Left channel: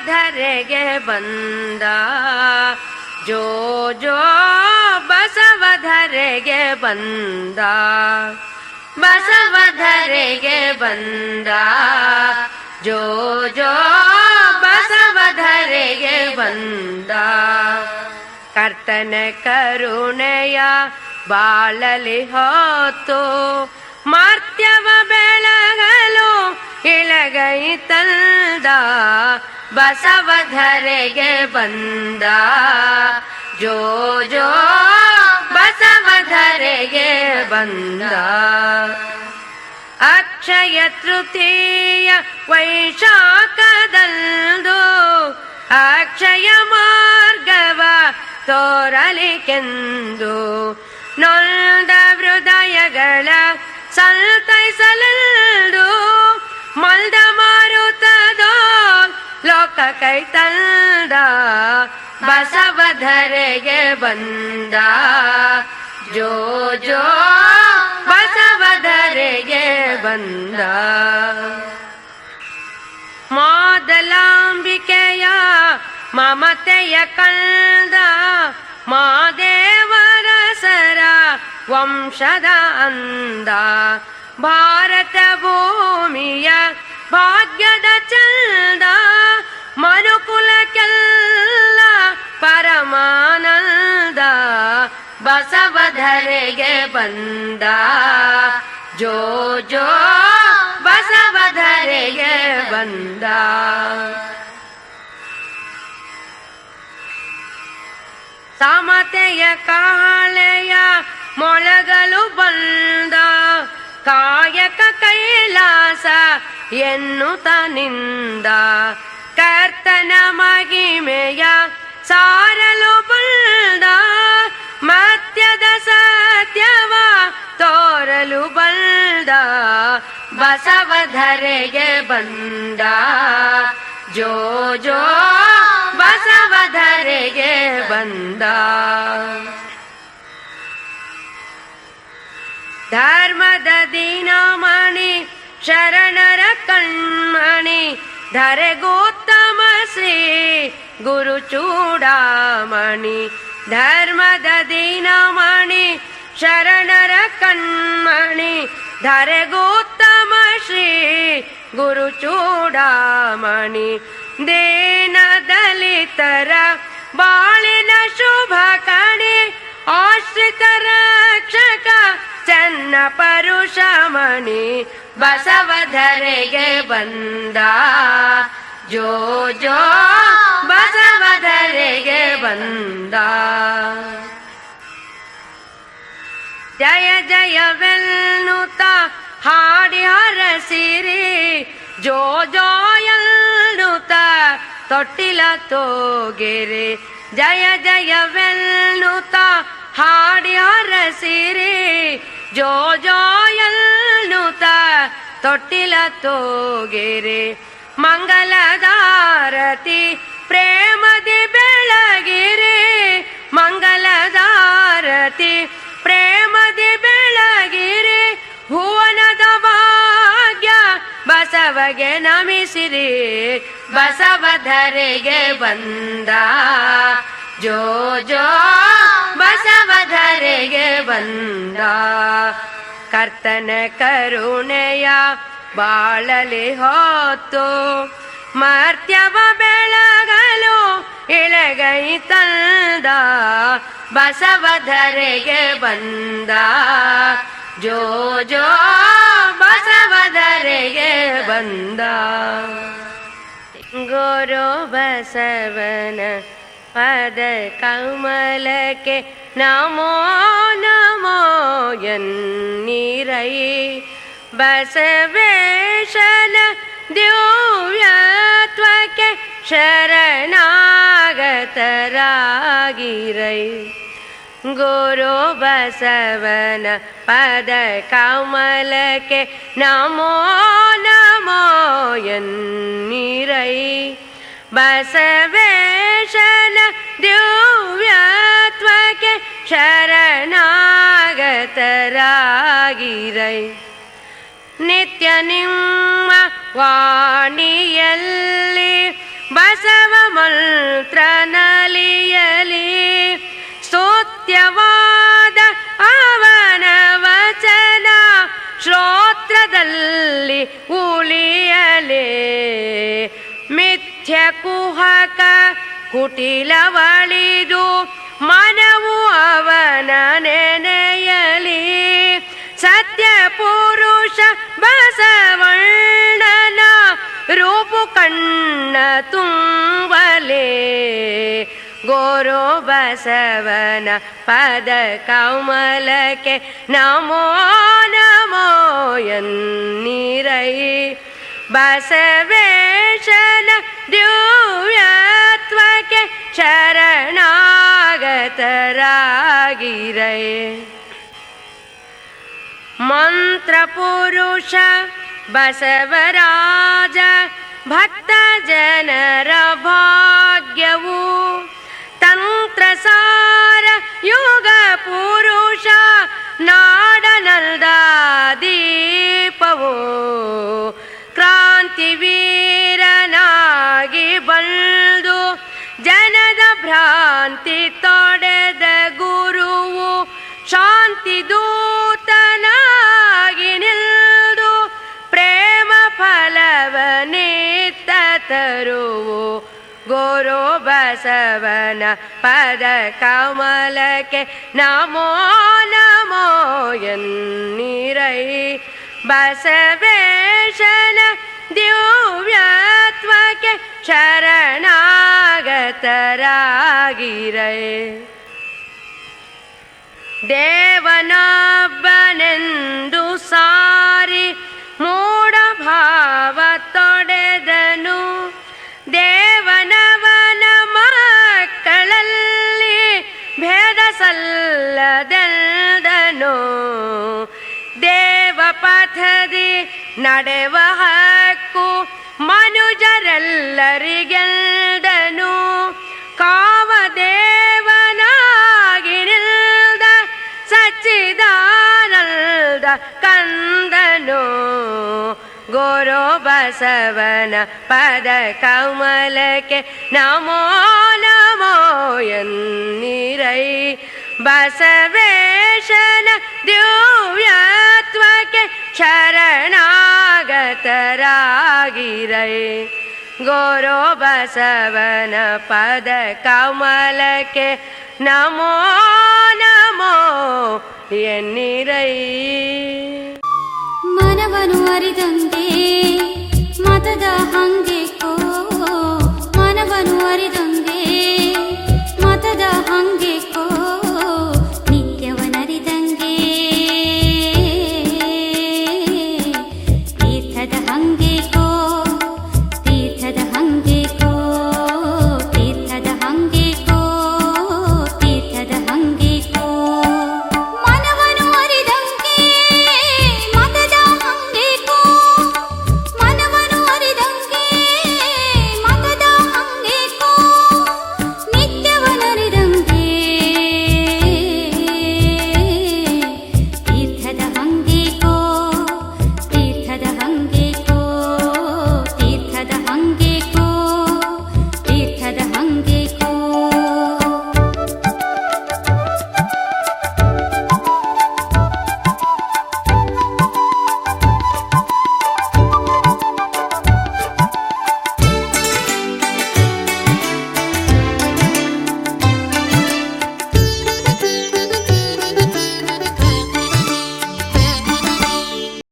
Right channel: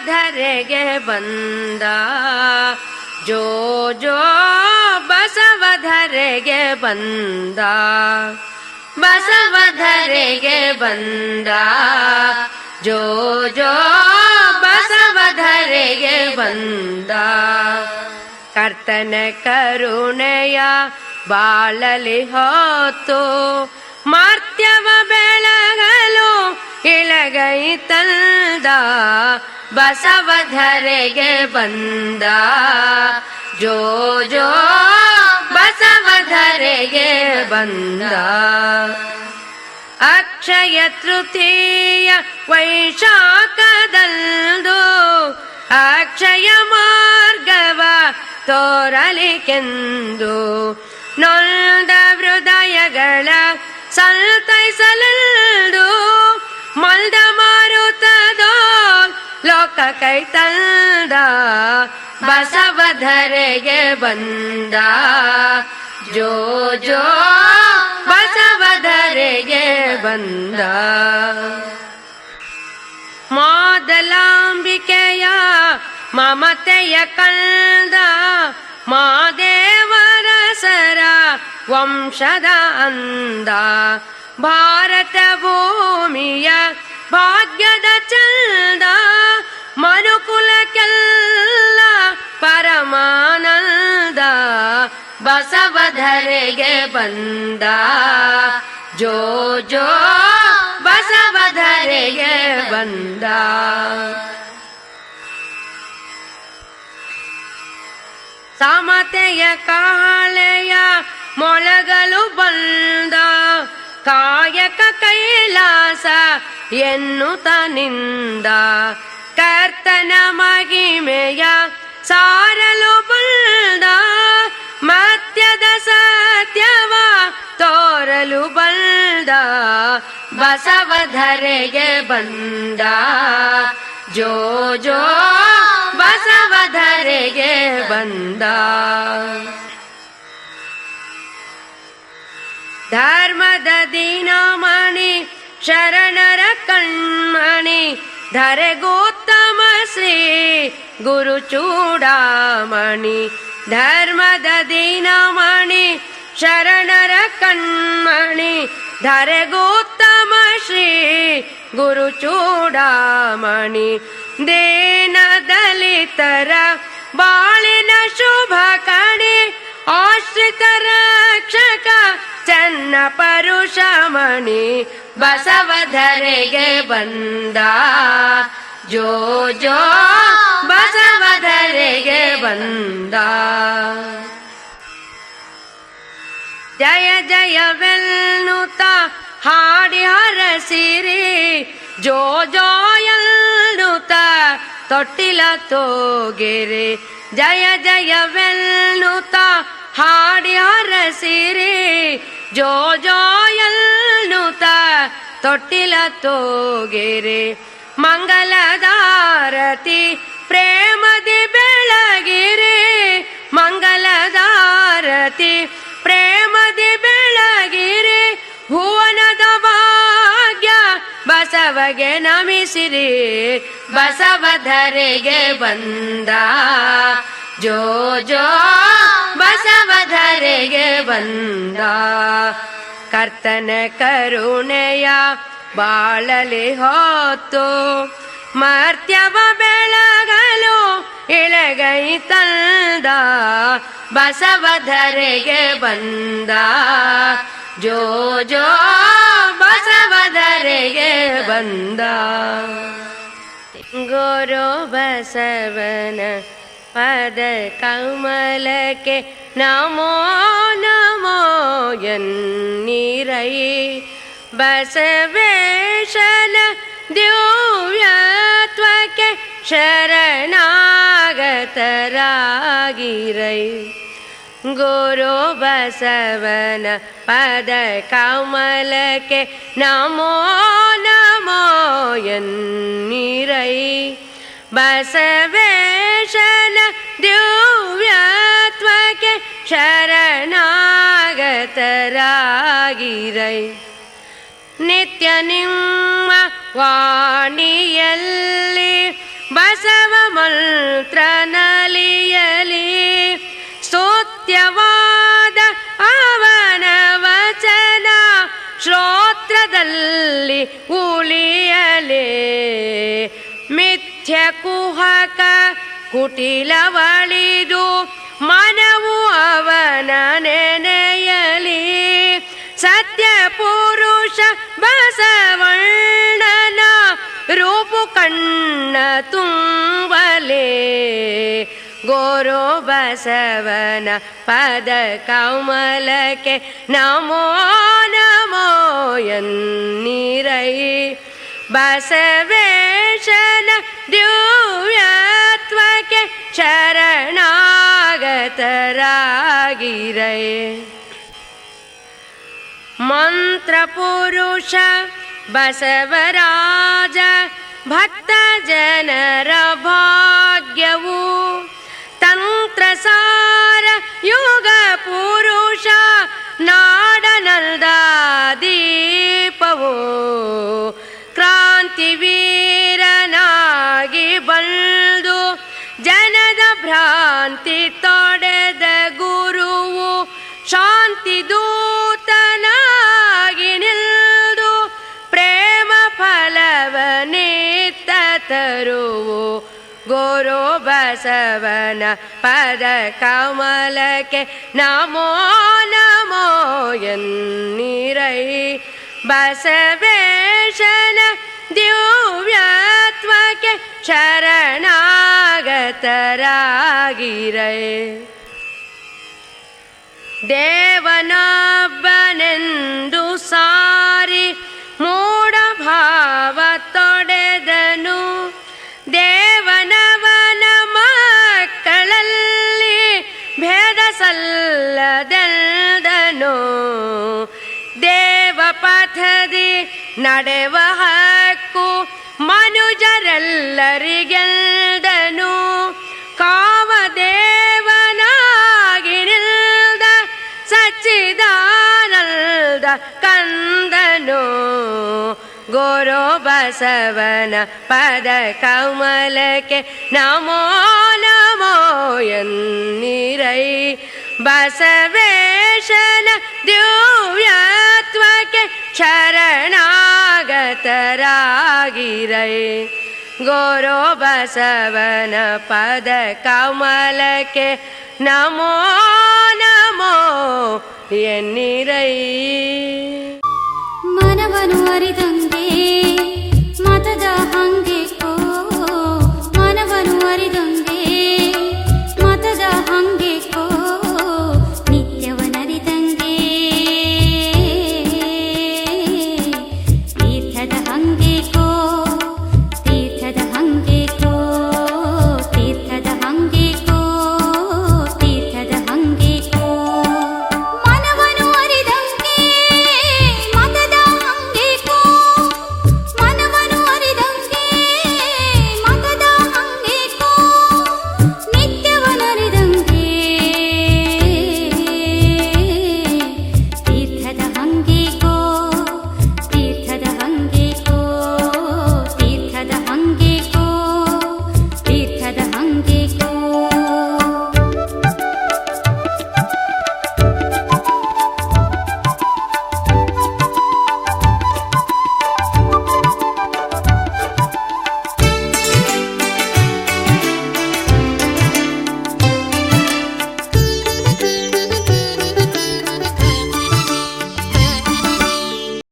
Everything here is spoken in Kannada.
ಬಸವಧರೆಗೆ ಬಂದ. ಜೋ ಜೋ, ಬಸವ ಧರೆಗೆ ಬಂದ. ಬಸವ ಧರೆಗೆ ಬಂದ. ಜೋ ಜೋ, ಬಸವ ಧರೆಗೆ ಬಂದ. ಕರ್ತನ ಕರುಣೆಯ ಬಾಳಲಿ ಹೊತ್ತು, ಮಾರ್ತ್ಯವ ಬೆಳಗಲು ತಂದ, ಬಸವಧರೆಗೆ ಬಂದ. ಜೋ ಜೋ, ಬಸವಧರೆಗೆ ಬಂದ. ಅಕ್ಷಯ ತೃತೀಯ ವೈಶಾಖದಂದು ಅಕ್ಷಯ ಮಾರ್ಗವ ತೋರಲಿಕೆಂದು. ನೊಂದ ಹೃದಯಗಳ ಸಂತೈಸಲೆಂದು ಕೈ ತಂದ ಬಸವಧರೆಗೆ ಬಂದ. ಜೋ ಜೋ, ಬಸವಧರೆಗೆ ಬಂದ. ಮಾದಲಾಂಬಿಕೆಯ ಮಮತೆಯ ಕಂದ, ಮಾದೇವರ ಸರ ವಂಶದ ಅಂದ. ಭಾರತ ಬಂದ. ಜೋ ಜೋ, ಬಸವಧರೆಗೆ ಬಂದ. ಸಮತೆಯ ಕಾಳೆಯ ಮೊಳಗಲು ಬಂದ. ಕಾಯಕ ಕೈಲಾಸ ಎನ್ನುತ್ತನಿಂದ ಕರ್ತನ ಮಹಿಮೆಯ ಸಾರಲು बसव धरे जो जो बसव धरे ये बन्दा। धर्म दीना मणि शरणर धरे गोत्तम श्री गुरुचूडामणि। धर्मद दीनामणि शरणर कण्मणि मणि शरणर धरे गोत्त ಶ್ರೀ ಗುರು ಚೂಡಾಮಣಿ ದೇನ ದಲಿತರ ಬಾಳಿನ ಶುಭ ಕಣಿ, ಆಶ್ರಿತ ರಕ್ಷಕ ಚನ್ನ ಪರುಷಮಣಿ ಬಸವಧರೆಗೆ ಬಂದ. ಜೋ ಜೋ ಬಸವಧರೆಗೆ ಬಂದ. ಜಯ ಜಯವೆನ್ನುತ್ತ ಹಾಡಿ ಹರಸಿರಿ ಜೋ ಜೋಯಲ್ನುತ ತೊಟ್ಟಿಲ ತೋಗೆರೆ. ಜಯ ಜಯವೆನ್ನುತ್ತ ಹಾಡಿ ಹರಸಿರಿ ಜೋ ಜೋ ಎನ್ನುತ್ತ ತೊಟ್ಟಿಲ ತೋಗೆರೆ. ಮಂಗಲದಾರತಿ ಪ್ರೇಮದಿ ಬೆಳಗಿರಿ. ಮಂಗಲದಾರತಿ ಪ್ರೇಮದಿ ಬಸವಗೆ ನಮಿಸಿರಿ, ಬಸವಧರೆಗೆ ಬಂದ. ಜೋ ಜೋ, ಬಸವಧರೆಗೆ ಬಂದ. ಕರ್ತನ ಕರುಣೆಯ ಬಾಳಲಿ ಹೊತ್ತು, ಮರ್ತ್ಯವ ಬೆಳಗಲು ಇಳಗೈ ತಂದ. ಬಸವಧರೆಗೆ ಬಂದ. ಜೋ ಜೋ கரையே வந்தாரோ பசவன பத கமலக்கே நமோ நமோ என் நீரை बसवेशन दिव्यत्वके शरणागतरागिरै ಶರಣಾಗತರಾಗಿರೈ ಗುರು ಬಸವನ ಪದ ಕಮಲಕ್ಕೆ ನಮೋ ನಮೋ ಎನ್ನೀರೈ ಬಸವೇಶನ ದಿವ್ಯತ್ವಕ್ಕೆ ಶರಣಾಗತರಾಗಿರೈ ನಿತ್ಯ ನಿಮ್ಮ ವಾಣಿಯಲ್ಲಿ ಬ ಬಸವ ಮಂತ್ರ ನಲಿಯಲಿ ಸ್ತೋತ್ಯವಾದ ಅವನ ವಚನ ಶ್ರೋತ್ರದಲ್ಲಿ ಉಳಿಯಲೇ. ಮಿಥ್ಯ ಕುಹಕ ಕುಟಿಲವಳಿದು ಮನವು ಅವನ ನೆನೆಯಲಿ. ಸತ್ಯ ಪುರುಷ ಬಸವಣ್ಣನ ರೂಪು ಕಣ್ಣ ತುಂಬಲೇ. गोरो बसवन पद कौमलके नमो नमो यन्निरै बसवेशन द्युयत्त्वके शरणगतरागिरये मन्त्रपुरुष बसवराज भक्तजनरभाग्यवू। ಕ್ರಾಂತಿವೀರನಾಗಿ ಬಂದು ಜನದ ಭ್ರಾಂತಿ ತೊಡೆದ ಗುರುವು ಶಾಂತಿ ದೂತನಾಗಿ ನಿಲ್ದು ಪ್ರೇಮ ಫಲವನಿತ್ತ ತರುವು ಗುರು ಬಸವನ ಪದ ಕಮಲಕ್ಕೆ ನಮೋ ನಮೋ ಎನ್ನೀರೈ बसवेशन दिव्यात्मके शरणागतरागिरे देवना ಪಥದಿ ನಡೆವ ಹಕ್ಕು ಮನುಜರೆಲ್ಲರಿಗೆಲ್ದನು ಕಾಮದೇವನಾಗಿ ನಿಲ್ದ ಸಚ್ಚಿದಾನಲ್ದ ಕಂದನು ಗೋರೋ ಬಸವನ ಪದ ಕಮಲಕ್ಕೆ ನಮೋ ನಮೋ ಎನ್ನೀರೈ ಬಸವೇಶನ ದಿವ್ಯತ್ವಕ್ಕೆ ಶರಣಾಗತರಾಗಿರೈ गोरो बसवन पद कमल के नमो नमो ಎನ್ನಿರೈ ಮನವನು ಅರಿದಂತೆ ಮತದ ಹಂಗೆಕ್ಕೋ ಮನವನು ಅರಿದಂತೆ